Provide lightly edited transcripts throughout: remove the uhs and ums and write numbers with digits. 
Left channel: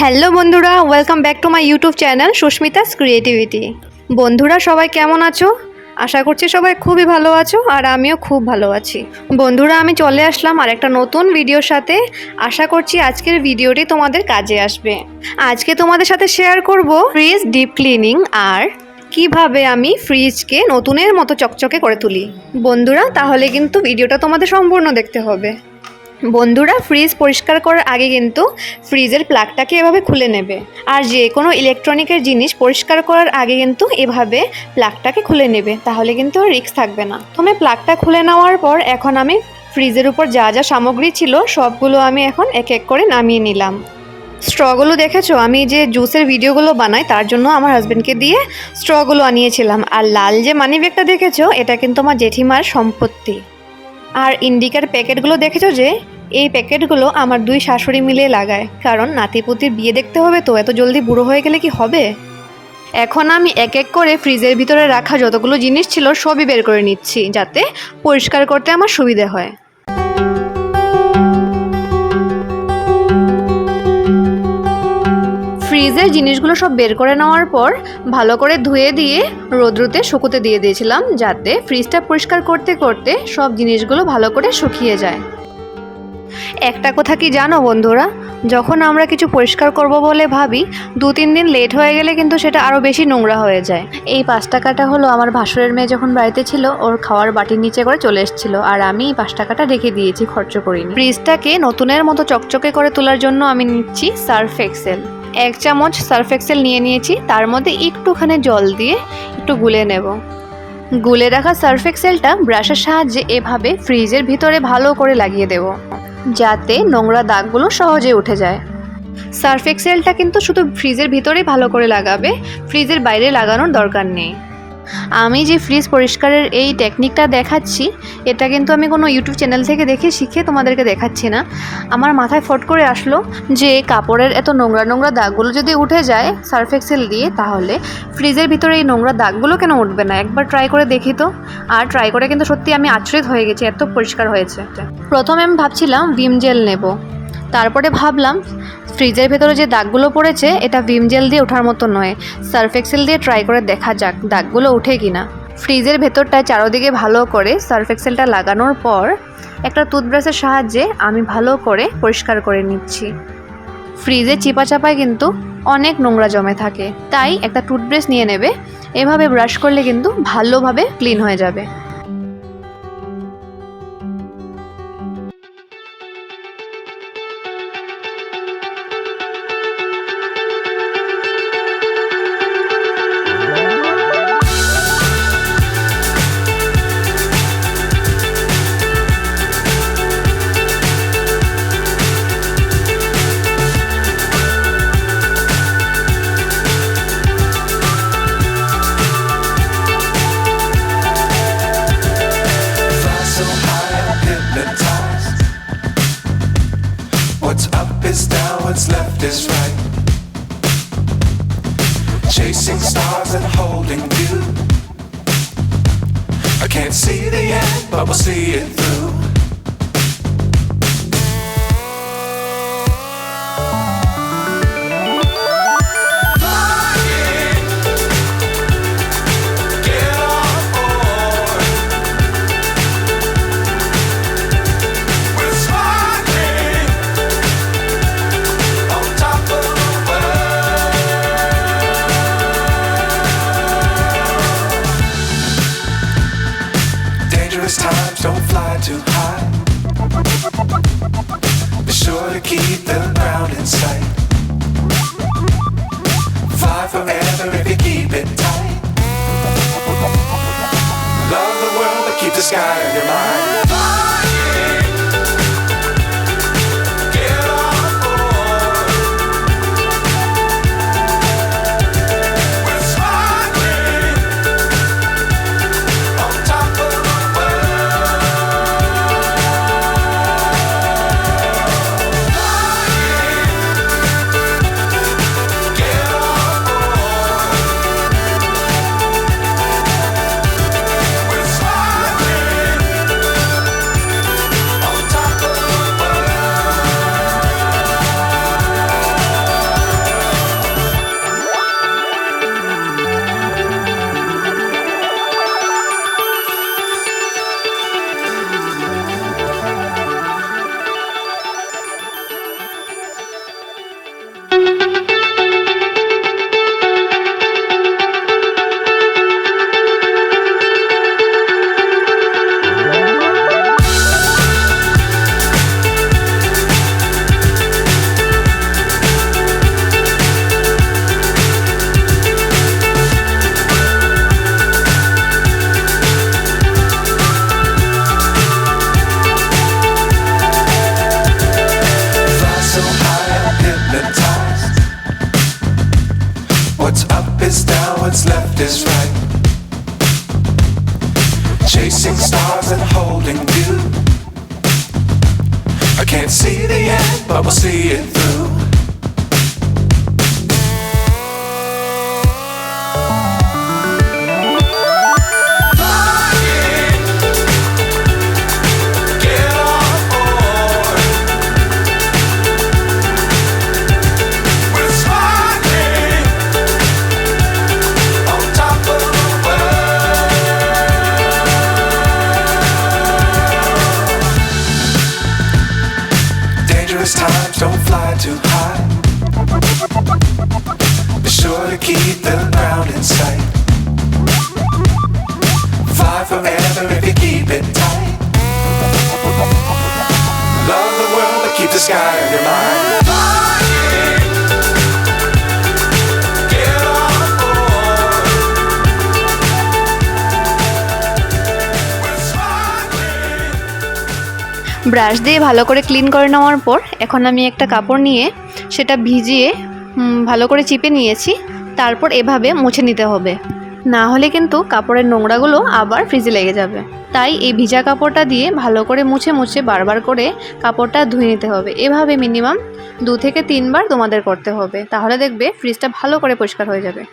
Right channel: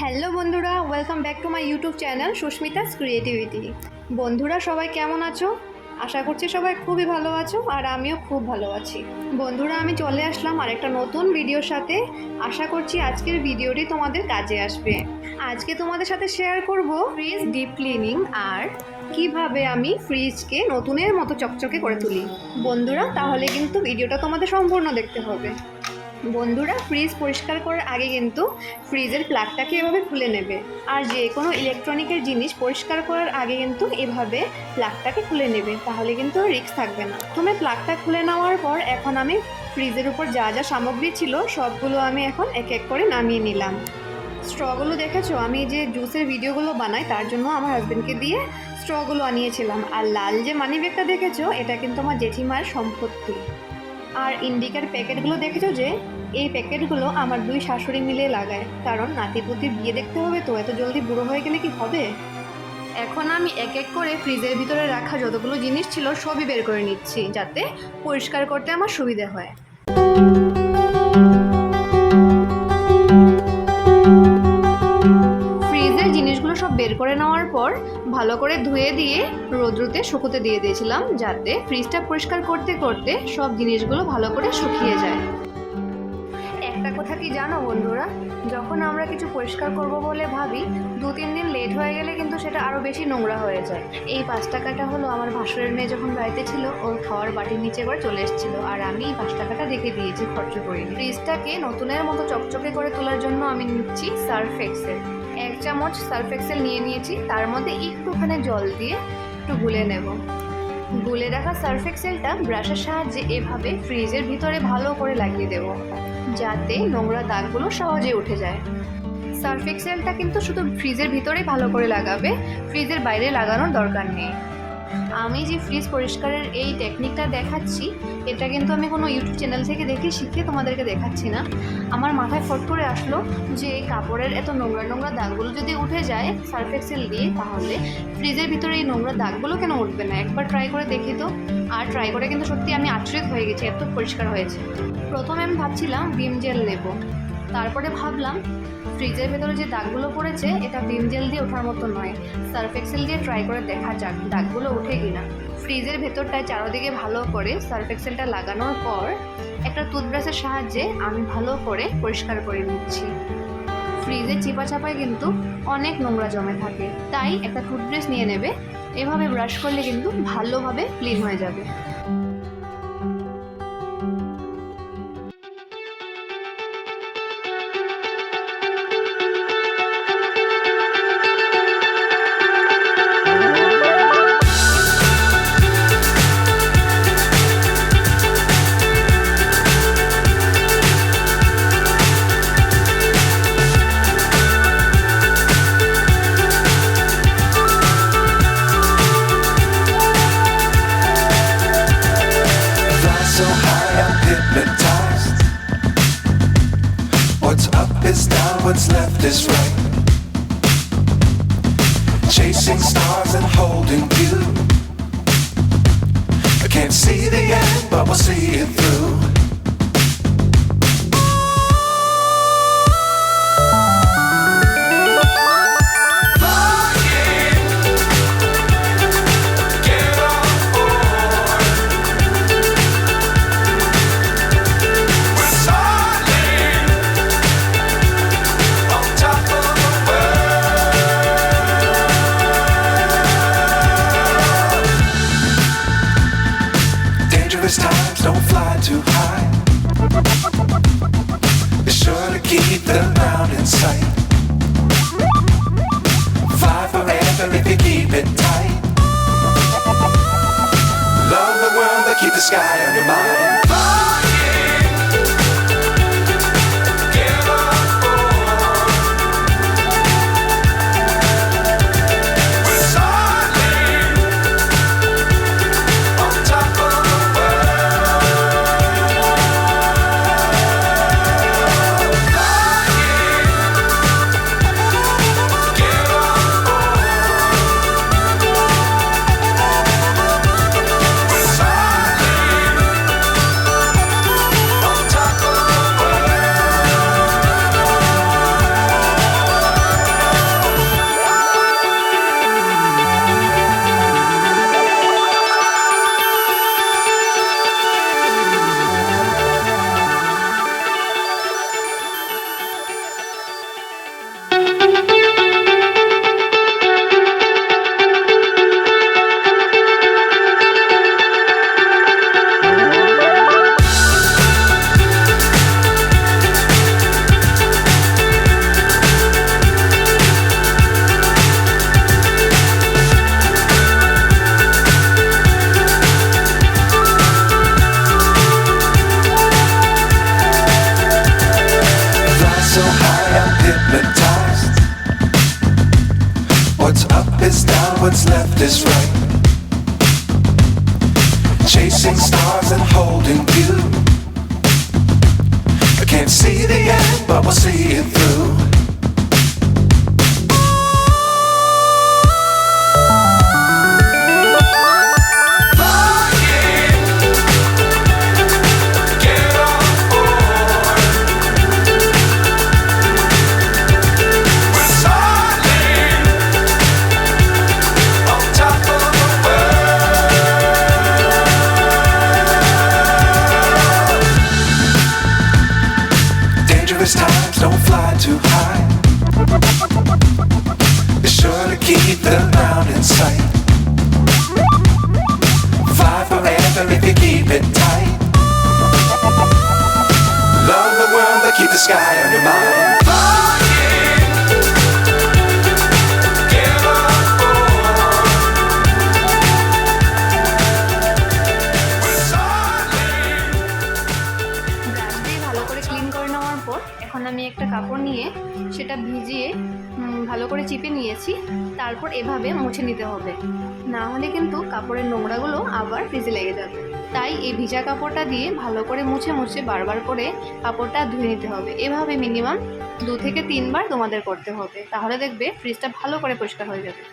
Hello বন্ধুরা, welcome back to my YouTube channel Susmita's creativity. বন্ধুরা সবাই কেমন আছো? আশা করছি সবাই খুবই ভালো আছো আর আমিও খুব ভালো আছি। বন্ধুরা আমি চলে আসলাম আর একটা নতুন ভিডিওর সাথে। আশা করছি আজকের ভিডিওটি তোমাদের কাজে আসবে। আজকে তোমাদের সাথে শেয়ার করব ফ্রিজ ডিপ ক্লিনিং আর কিভাবে আমি ফ্রিজকে নতুনের মতো চকচকে করে তুলি। বন্ধুরা তাহলে কিন্তু ভিডিওটা তোমাদের সম্পূর্ণ দেখতে হবে। বন্ধুরা ফ্রিজ পরিষ্কার করার আগে কিন্তু ফ্রিজের প্লাগটাকে এভাবে খুলে নেবে। আর যে কোনো ইলেকট্রনিকের জিনিস পরিষ্কার করার আগে কিন্তু এভাবে প্লাগটাকে খুলে নেবে, তাহলে কিন্তু রিস্ক থাকবে না। তুমি প্লাগটা খুলে নেওয়ার পর এখন আমি ফ্রিজের উপর যা যা সামগ্রী ছিল সবগুলো আমি এখন এক এক করে নামিয়ে নিলাম। স্ট্রগুলো দেখেছো, আমি যে জুসের ভিডিওগুলো বানাই তার জন্য আমার হাজব্যান্ডকে দিয়ে স্ট্রগুলো আনিয়েছিলাম। আর লাল যে মানি ব্যাগটা দেখেছো এটা কিন্তু আমার জেঠিমার সম্পত্তি। আর ইন্ডিকার প্যাকেটগুলো দেখেছো যে এই প্যাকেটগুলো আমার দুই শাশুড়ি মিলে লাগায়, কারণ নাতিপুতির বিয়ে দেখতে হবে, তো এত জলদি বুড়ো হয়ে গেলে কি হবে। এখন আমি এক এক করে ফ্রিজের ভিতরে রাখা যতগুলো জিনিস ছিল সবই বের করে নিচ্ছি, যাতে পরিষ্কার করতে আমার সুবিধা হয়। ফ্রিজের জিনিসগুলো সব বের করে নেওয়ার পর ভালো করে ধুয়ে দিয়ে রোদ্রুতে শুকোতে দিয়ে দিয়েছিলাম, যাতে ফ্রিজটা পরিষ্কার করতে করতে সব জিনিসগুলো ভালো করে শুকিয়ে যায়। একটা কথা কি জানো বন্ধুরা, যখন আমরা কিছু পরিষ্কার করব বলে ভাবি 2-3 দিন লেট হয়ে গেলে কিন্তু সেটা আরও বেশি নোংরা হয়ে যায়। এই 5 টাকাটা হলো আমার ভাসুরের মেয়ে যখন বাড়িতে ছিল ওর খাওয়ার বাটির নিচে করে চলে এসেছিলো, আর আমি এই 5 টাকাটা রেখে দিয়েছি, খরচ করিনি। ফ্রিজটাকে নতুনের মতো চকচকে করে তোলার জন্য আমি নিচ্ছি সার্ফ এক্সেল। 1 চামচ সার্ফ এক্সেল নিয়ে নিয়েছি, তার মধ্যে একটুখানি জল দিয়ে একটু গুলে নেব। গুলে রাখা সার্ফ এক্সেলটা ব্রাশের সাহায্যে এভাবে ফ্রিজের ভিতরে ভালো করে লাগিয়ে দেব, যাতে নোংরা দাগগুলো সহজে উঠে যায়। সার্ফ এক্সেলটা কিন্তু শুধু ফ্রিজের ভিতরেই ভালো করে লাগাবে, ফ্রিজের বাইরে লাগানোর দরকার নেই। আমি যে ফ্রিজ পরিষ্কারের এই টেকনিকটা দেখাচ্ছি এটা কিন্তু আমি কোনো ইউটিউব চ্যানেল থেকে দেখে শিখে তোমাদেরকে দেখাচ্ছি না। আমার মাথায় ফট করে আসলো যে কাপড়ের এত নোংরা নোংরা দাগগুলো যদি উঠে যায় সার্ফ এক্সেল দিয়ে, তাহলে ফ্রিজের ভিতরে এই নোংরা দাগগুলো কেন উঠবে না। একবার ট্রাই করে দেখি তো। আর ট্রাই করে কিন্তু সত্যি আমি আচরিত হয়ে গেছি, এত পরিষ্কার হয়েছে। প্রথমে আমি ভাবছিলাম ভিম জেল নেব, তারপরে ভাবলাম ফ্রিজের ভেতরে যে দাগগুলো পড়েছে এটা ভিম জেল দিয়ে ওঠার মতো নয়, সার্ফ এক্সেল দিয়ে ট্রাই করে দেখা যাক দাগগুলো ওঠে কিনা। ফ্রিজের ভেতরটায় চারোদিকে ভালো করে সার্ফ এক্সেলটা লাগানোর পর একটা টুথব্রাশের সাহায্যে আমি ভালো করে পরিষ্কার করে নিচ্ছি। ফ্রিজে চিপা চাপায় কিন্তু অনেক নোংরা জমে থাকে, তাই একটা টুথব্রাশ নিয়ে নেবে, এভাবে ব্রাশ করলে কিন্তু ভালোভাবে ক্লিন হয়ে যাবে। So high I'm hypnotized. What's up is down, what's left is right. Chasing stars and holding you. I can't see the end, but we'll see it through. Times don't fly too high. Be sure to keep the ground in sight. Fly forever if you keep it tight. Love the world but keep the sky on your mind. so high, I'm hypnotized. What's up is down, what's left is right. Chasing stars and holding you. I can't see the end, but we'll see it through. Times don't fly too high. Be sure to keep the ground in sight. Fly forever if you keep it tight. Love the world but keep the sky on your mind. Flying, get on board. We're smiling. Brush দিয়ে ভালো করে clean করে নেওয়ার পর এখন আমি একটা কাপড় নিয়ে সেটা ভিজিয়ে ভালো করে চিপে নিয়েছি। তারপর এভাবে মুছে নিতে হবে, না হলে কিন্তু কাপড়ের নোংরাগুলো আবার ফ্রিজে লেগে যাবে। তাই এই ভিজা কাপড়টা দিয়ে ভালো করে মুছে মুছে বারবার করে কাপড়টা ধুয়ে নিতে হবে। এভাবে মিনিমাম 2 থেকে 3 বার তোমাদের করতে হবে, তাহলে দেখবে ফ্রিজটা ভালো করে পরিষ্কার হয়ে যাবে।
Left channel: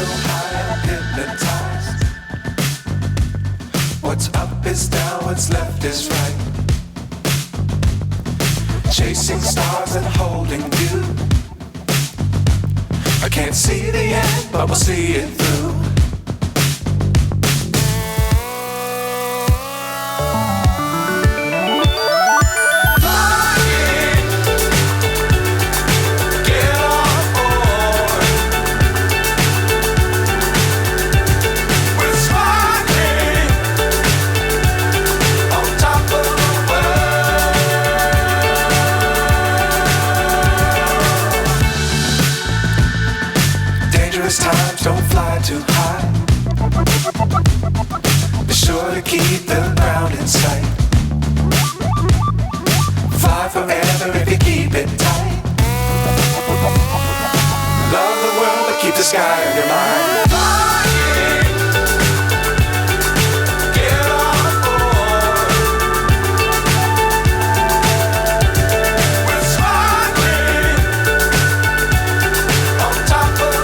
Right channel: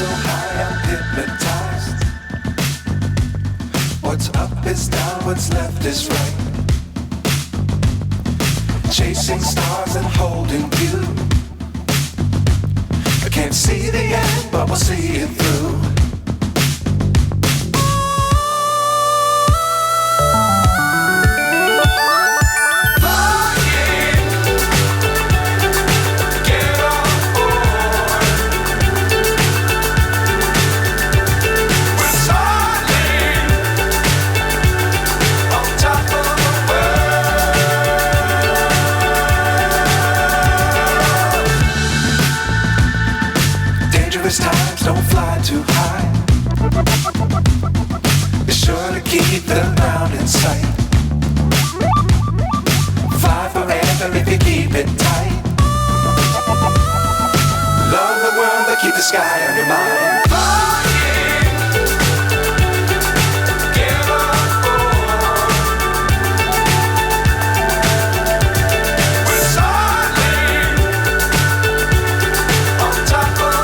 So high, I'm hypnotized. What's up is down, what's left is right. Chasing stars and holding you. I can't see the end, but we'll see it through. Times don't fly too high. Be sure to keep the ground in sight. Fly forever if you keep it tight. Love the world but keep the sky on your mind. Flying, get on board. We're soaring on top of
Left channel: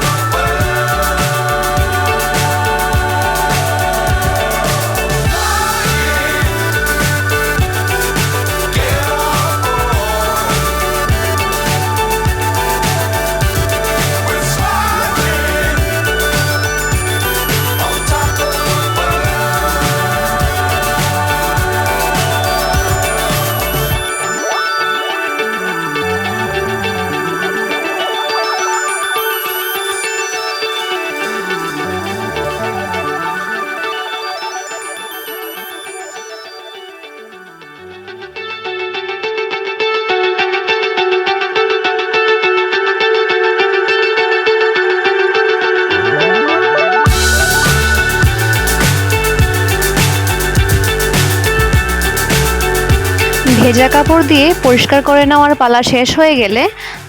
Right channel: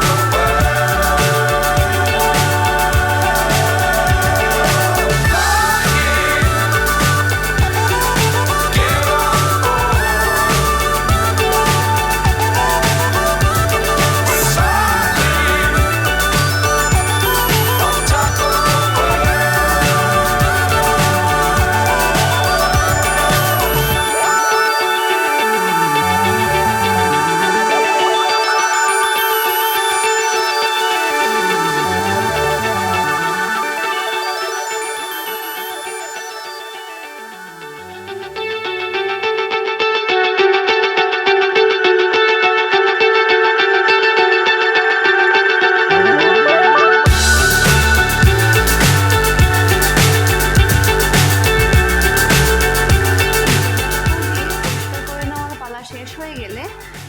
ভেজা কাপড় দিয়ে পরিষ্কার করে নেওয়ার পালা শেষ হয়ে গেলে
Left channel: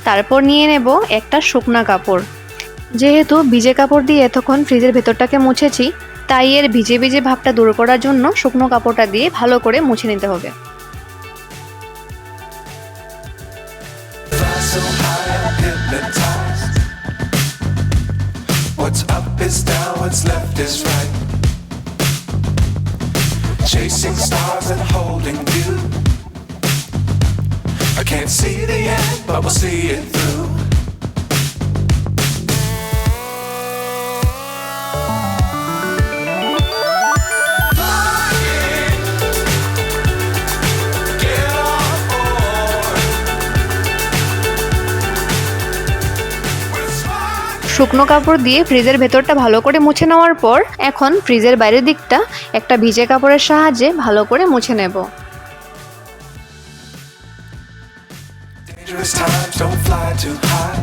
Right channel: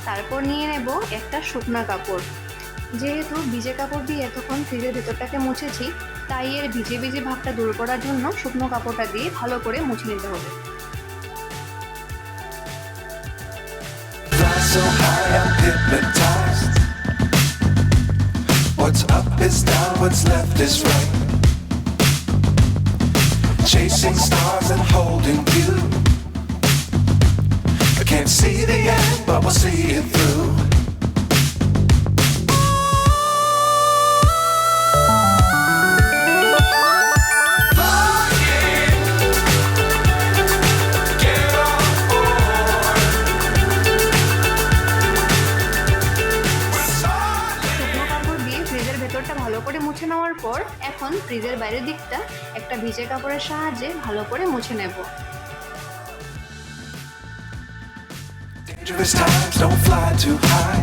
তারপর নিয়ে নেব একটা শুকনা কাপড়। যেহেতু ভিজে কাপড় দিয়ে এতক্ষণ ফ্রিজের ভেতরটাকে মুছেছি, তাই এর ভিজে ভিজে ভাবটা দূর করার জন্য শুকনো কাপড়টা দিয়ে ভালো করে মুছে নিতে হবে। So high, I'm hypnotized. What's up is down, what's left is right. Chasing stars and holding you. I can't see the end, but we'll see it through. শুকনো কাপড় দিয়ে ফ্রিজের ভেতরটা ভালো করে মুছে নেওয়ার পর এখন ফ্রিজের বাইরের দিকটা একটা ভিজে কাপড়ের সাহায্যে ভালো করে মুছে নেব। Dangerous times, don't fly too high.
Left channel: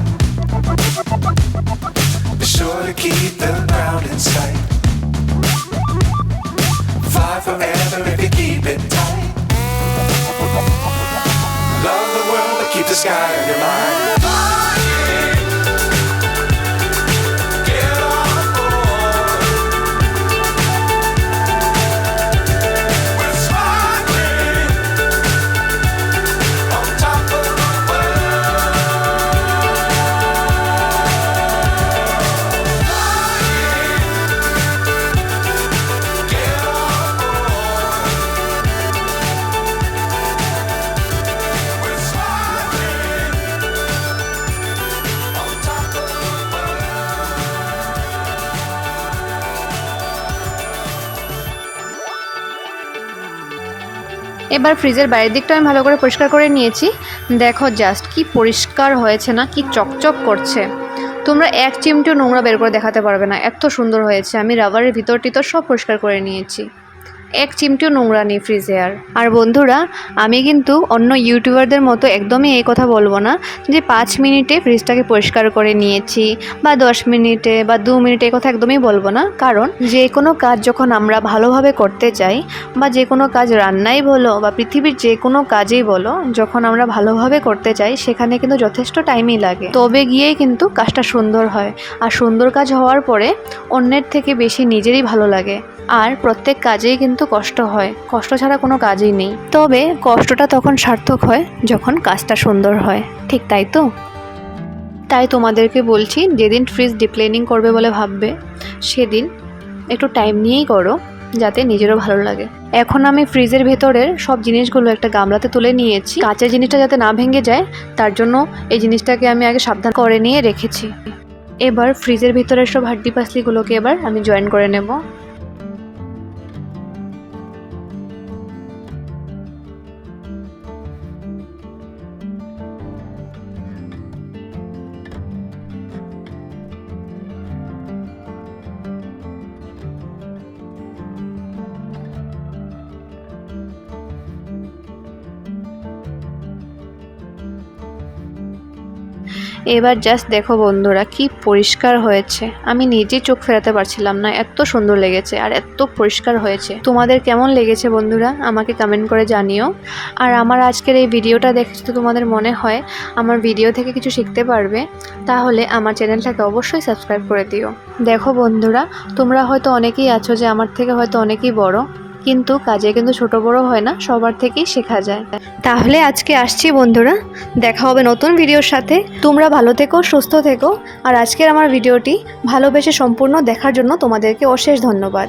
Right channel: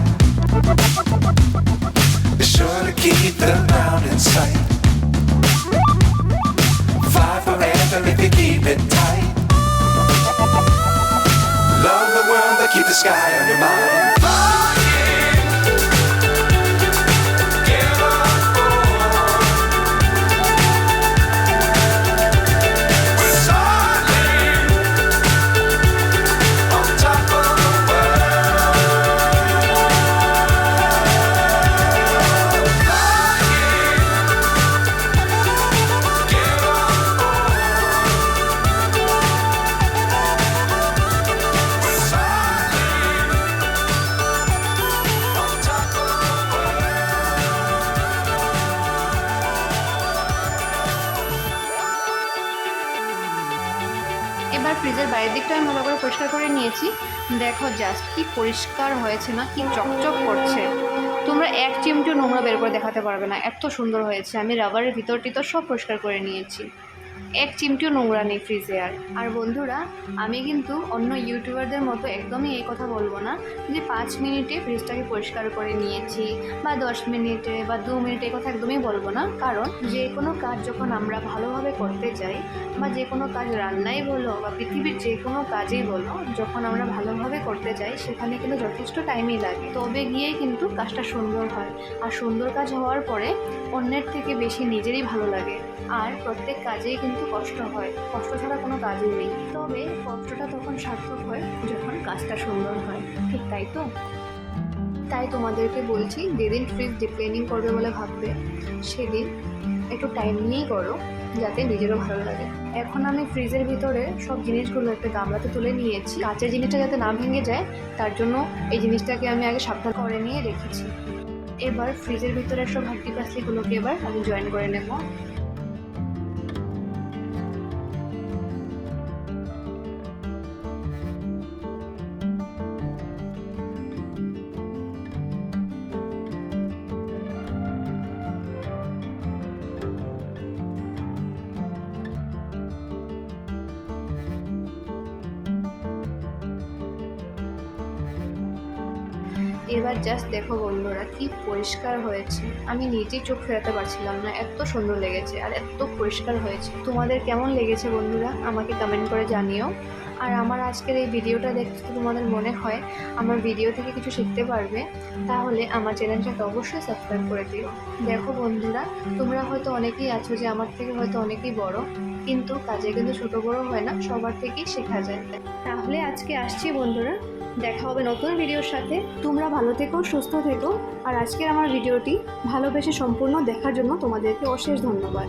Be sure to keep the ground in sight. Fly forever if you keep it tight. Love the world, but keep the sky on your mind. Flying, get on board. We're soaring on top of the world. Flying, get on board. We're soaring on top of the world. এবার ফ্রিজের বাইরের দিকটা আমি ভালো করে পরিষ্কার করে নিয়েছি। দেখো জাস্ট কি পরিষ্কার হয়েছে না, কি চকচক করছে। তোমরা এক চিমটিও নোংরা বের করে দেখাতে পারবে না, এত সুন্দর হয়েছে। আমি রাবারের ভিতরটি তো সব পরিষ্কার করে নিয়েছি, এক চিমটিও নোংরা নেই ফ্রিজে। আর বন্ধুরা, আমি কিন্তু অন্য ইউটিউবারদের মতো একদমই এই কথা বলবো না যে 5 মিনিটে ফ্রিজটাকে পরিষ্কার করে নিয়েছি বা 10 মিনিটে বা 2 মিনিটে, এই কথা একদমই বলবো না। কারণ যে কোনো কাজ যখন আমরা ভালোভাবে করতে চাই, বা যে কোনো কাজ রান্নাই বলো বা পৃথিবীর যে কোনো কাজই বলো, যখন আমরা ভালোভাবে করতে চাই সেখানে কিন্তু যথেষ্ট টাইমই লাগে, তবে গিয়েই কিন্তু কাজটা সুন্দর হয়। আর সুন্দর কাজ হওয়ার পরে অন্যের থেকে বেশি নিজেরই ভালো লাগে। আর প্রত্যেক কাজেই কিন্তু কষ্ট হয়, কষ্ট ছাড়া কোনো কাজই নেই। তবে কষ্টটা তখন সার্থক হয় যখন কাজটা সুন্দর হয়, ঠিক তাই তো? তাই তোমাদেরকে বলছি, যেদিন ফ্রিজ ডিপ ক্লিনিং করবে বলে ভাববে, সেদিন একটু টাইম নিয়েই করো, যাতে নিজেরও ভালো লাগে। এখন আমি ফ্রিজের ভেতরের সব জিনিসগুলো একটা গামলাতে তুলে নিয়েছি। কাঁচের জিনিসটা যাতে না ভেঙে যায়, তার জন্য এই জিনিসটাকে আমি আগে সাবধান করে নিয়ে রেখেছি। এবার ফ্রিজের ভিতরের সব হাড্ডি পাসলিগুলোকে এবার আমি জয়েন করে নেব। এবার জাস্ট দেখো বন্ধুরা, কি পরিষ্কার হয়েছে। আমি নিজে চোখ ফেরাতে পারছিলাম না, এত সুন্দর লেগেছে আর এত পরিষ্কার হয়েছে। তোমাদের কেমন লেগেছে বন্ধুরা, আমাকে কমেন্ট করে জানিও। আর আমার আজকের এই ভিডিওটা দেখে যদি তোমাদের মনে হয় আমার ভিডিও থেকে কিছু শিখতে পারবে, তাহলে আমার চ্যানেলটাকে অবশ্যই সাবস্ক্রাইব করে দিও। দেখো বন্ধুরা, তোমরা হয়তো অনেকেই আছো যে আমার থেকে হয়তো অনেকেই বড়, কিন্তু কাজে কিন্তু ছোট বড় হয় না, সবার থেকেই শেখা যায়। তাহলে আজকে আসছি বন্ধুরা, দেখা হবে নতুন ভিডিওর সাথে। তোমরা ভালো থেকো, সুস্থ থেকো। আর আজকের আমার ভিডিওটি ভালোবেসে সম্পূর্ণ দেখার জন্য তোমাদেরকে অশেষ ধন্যবাদ।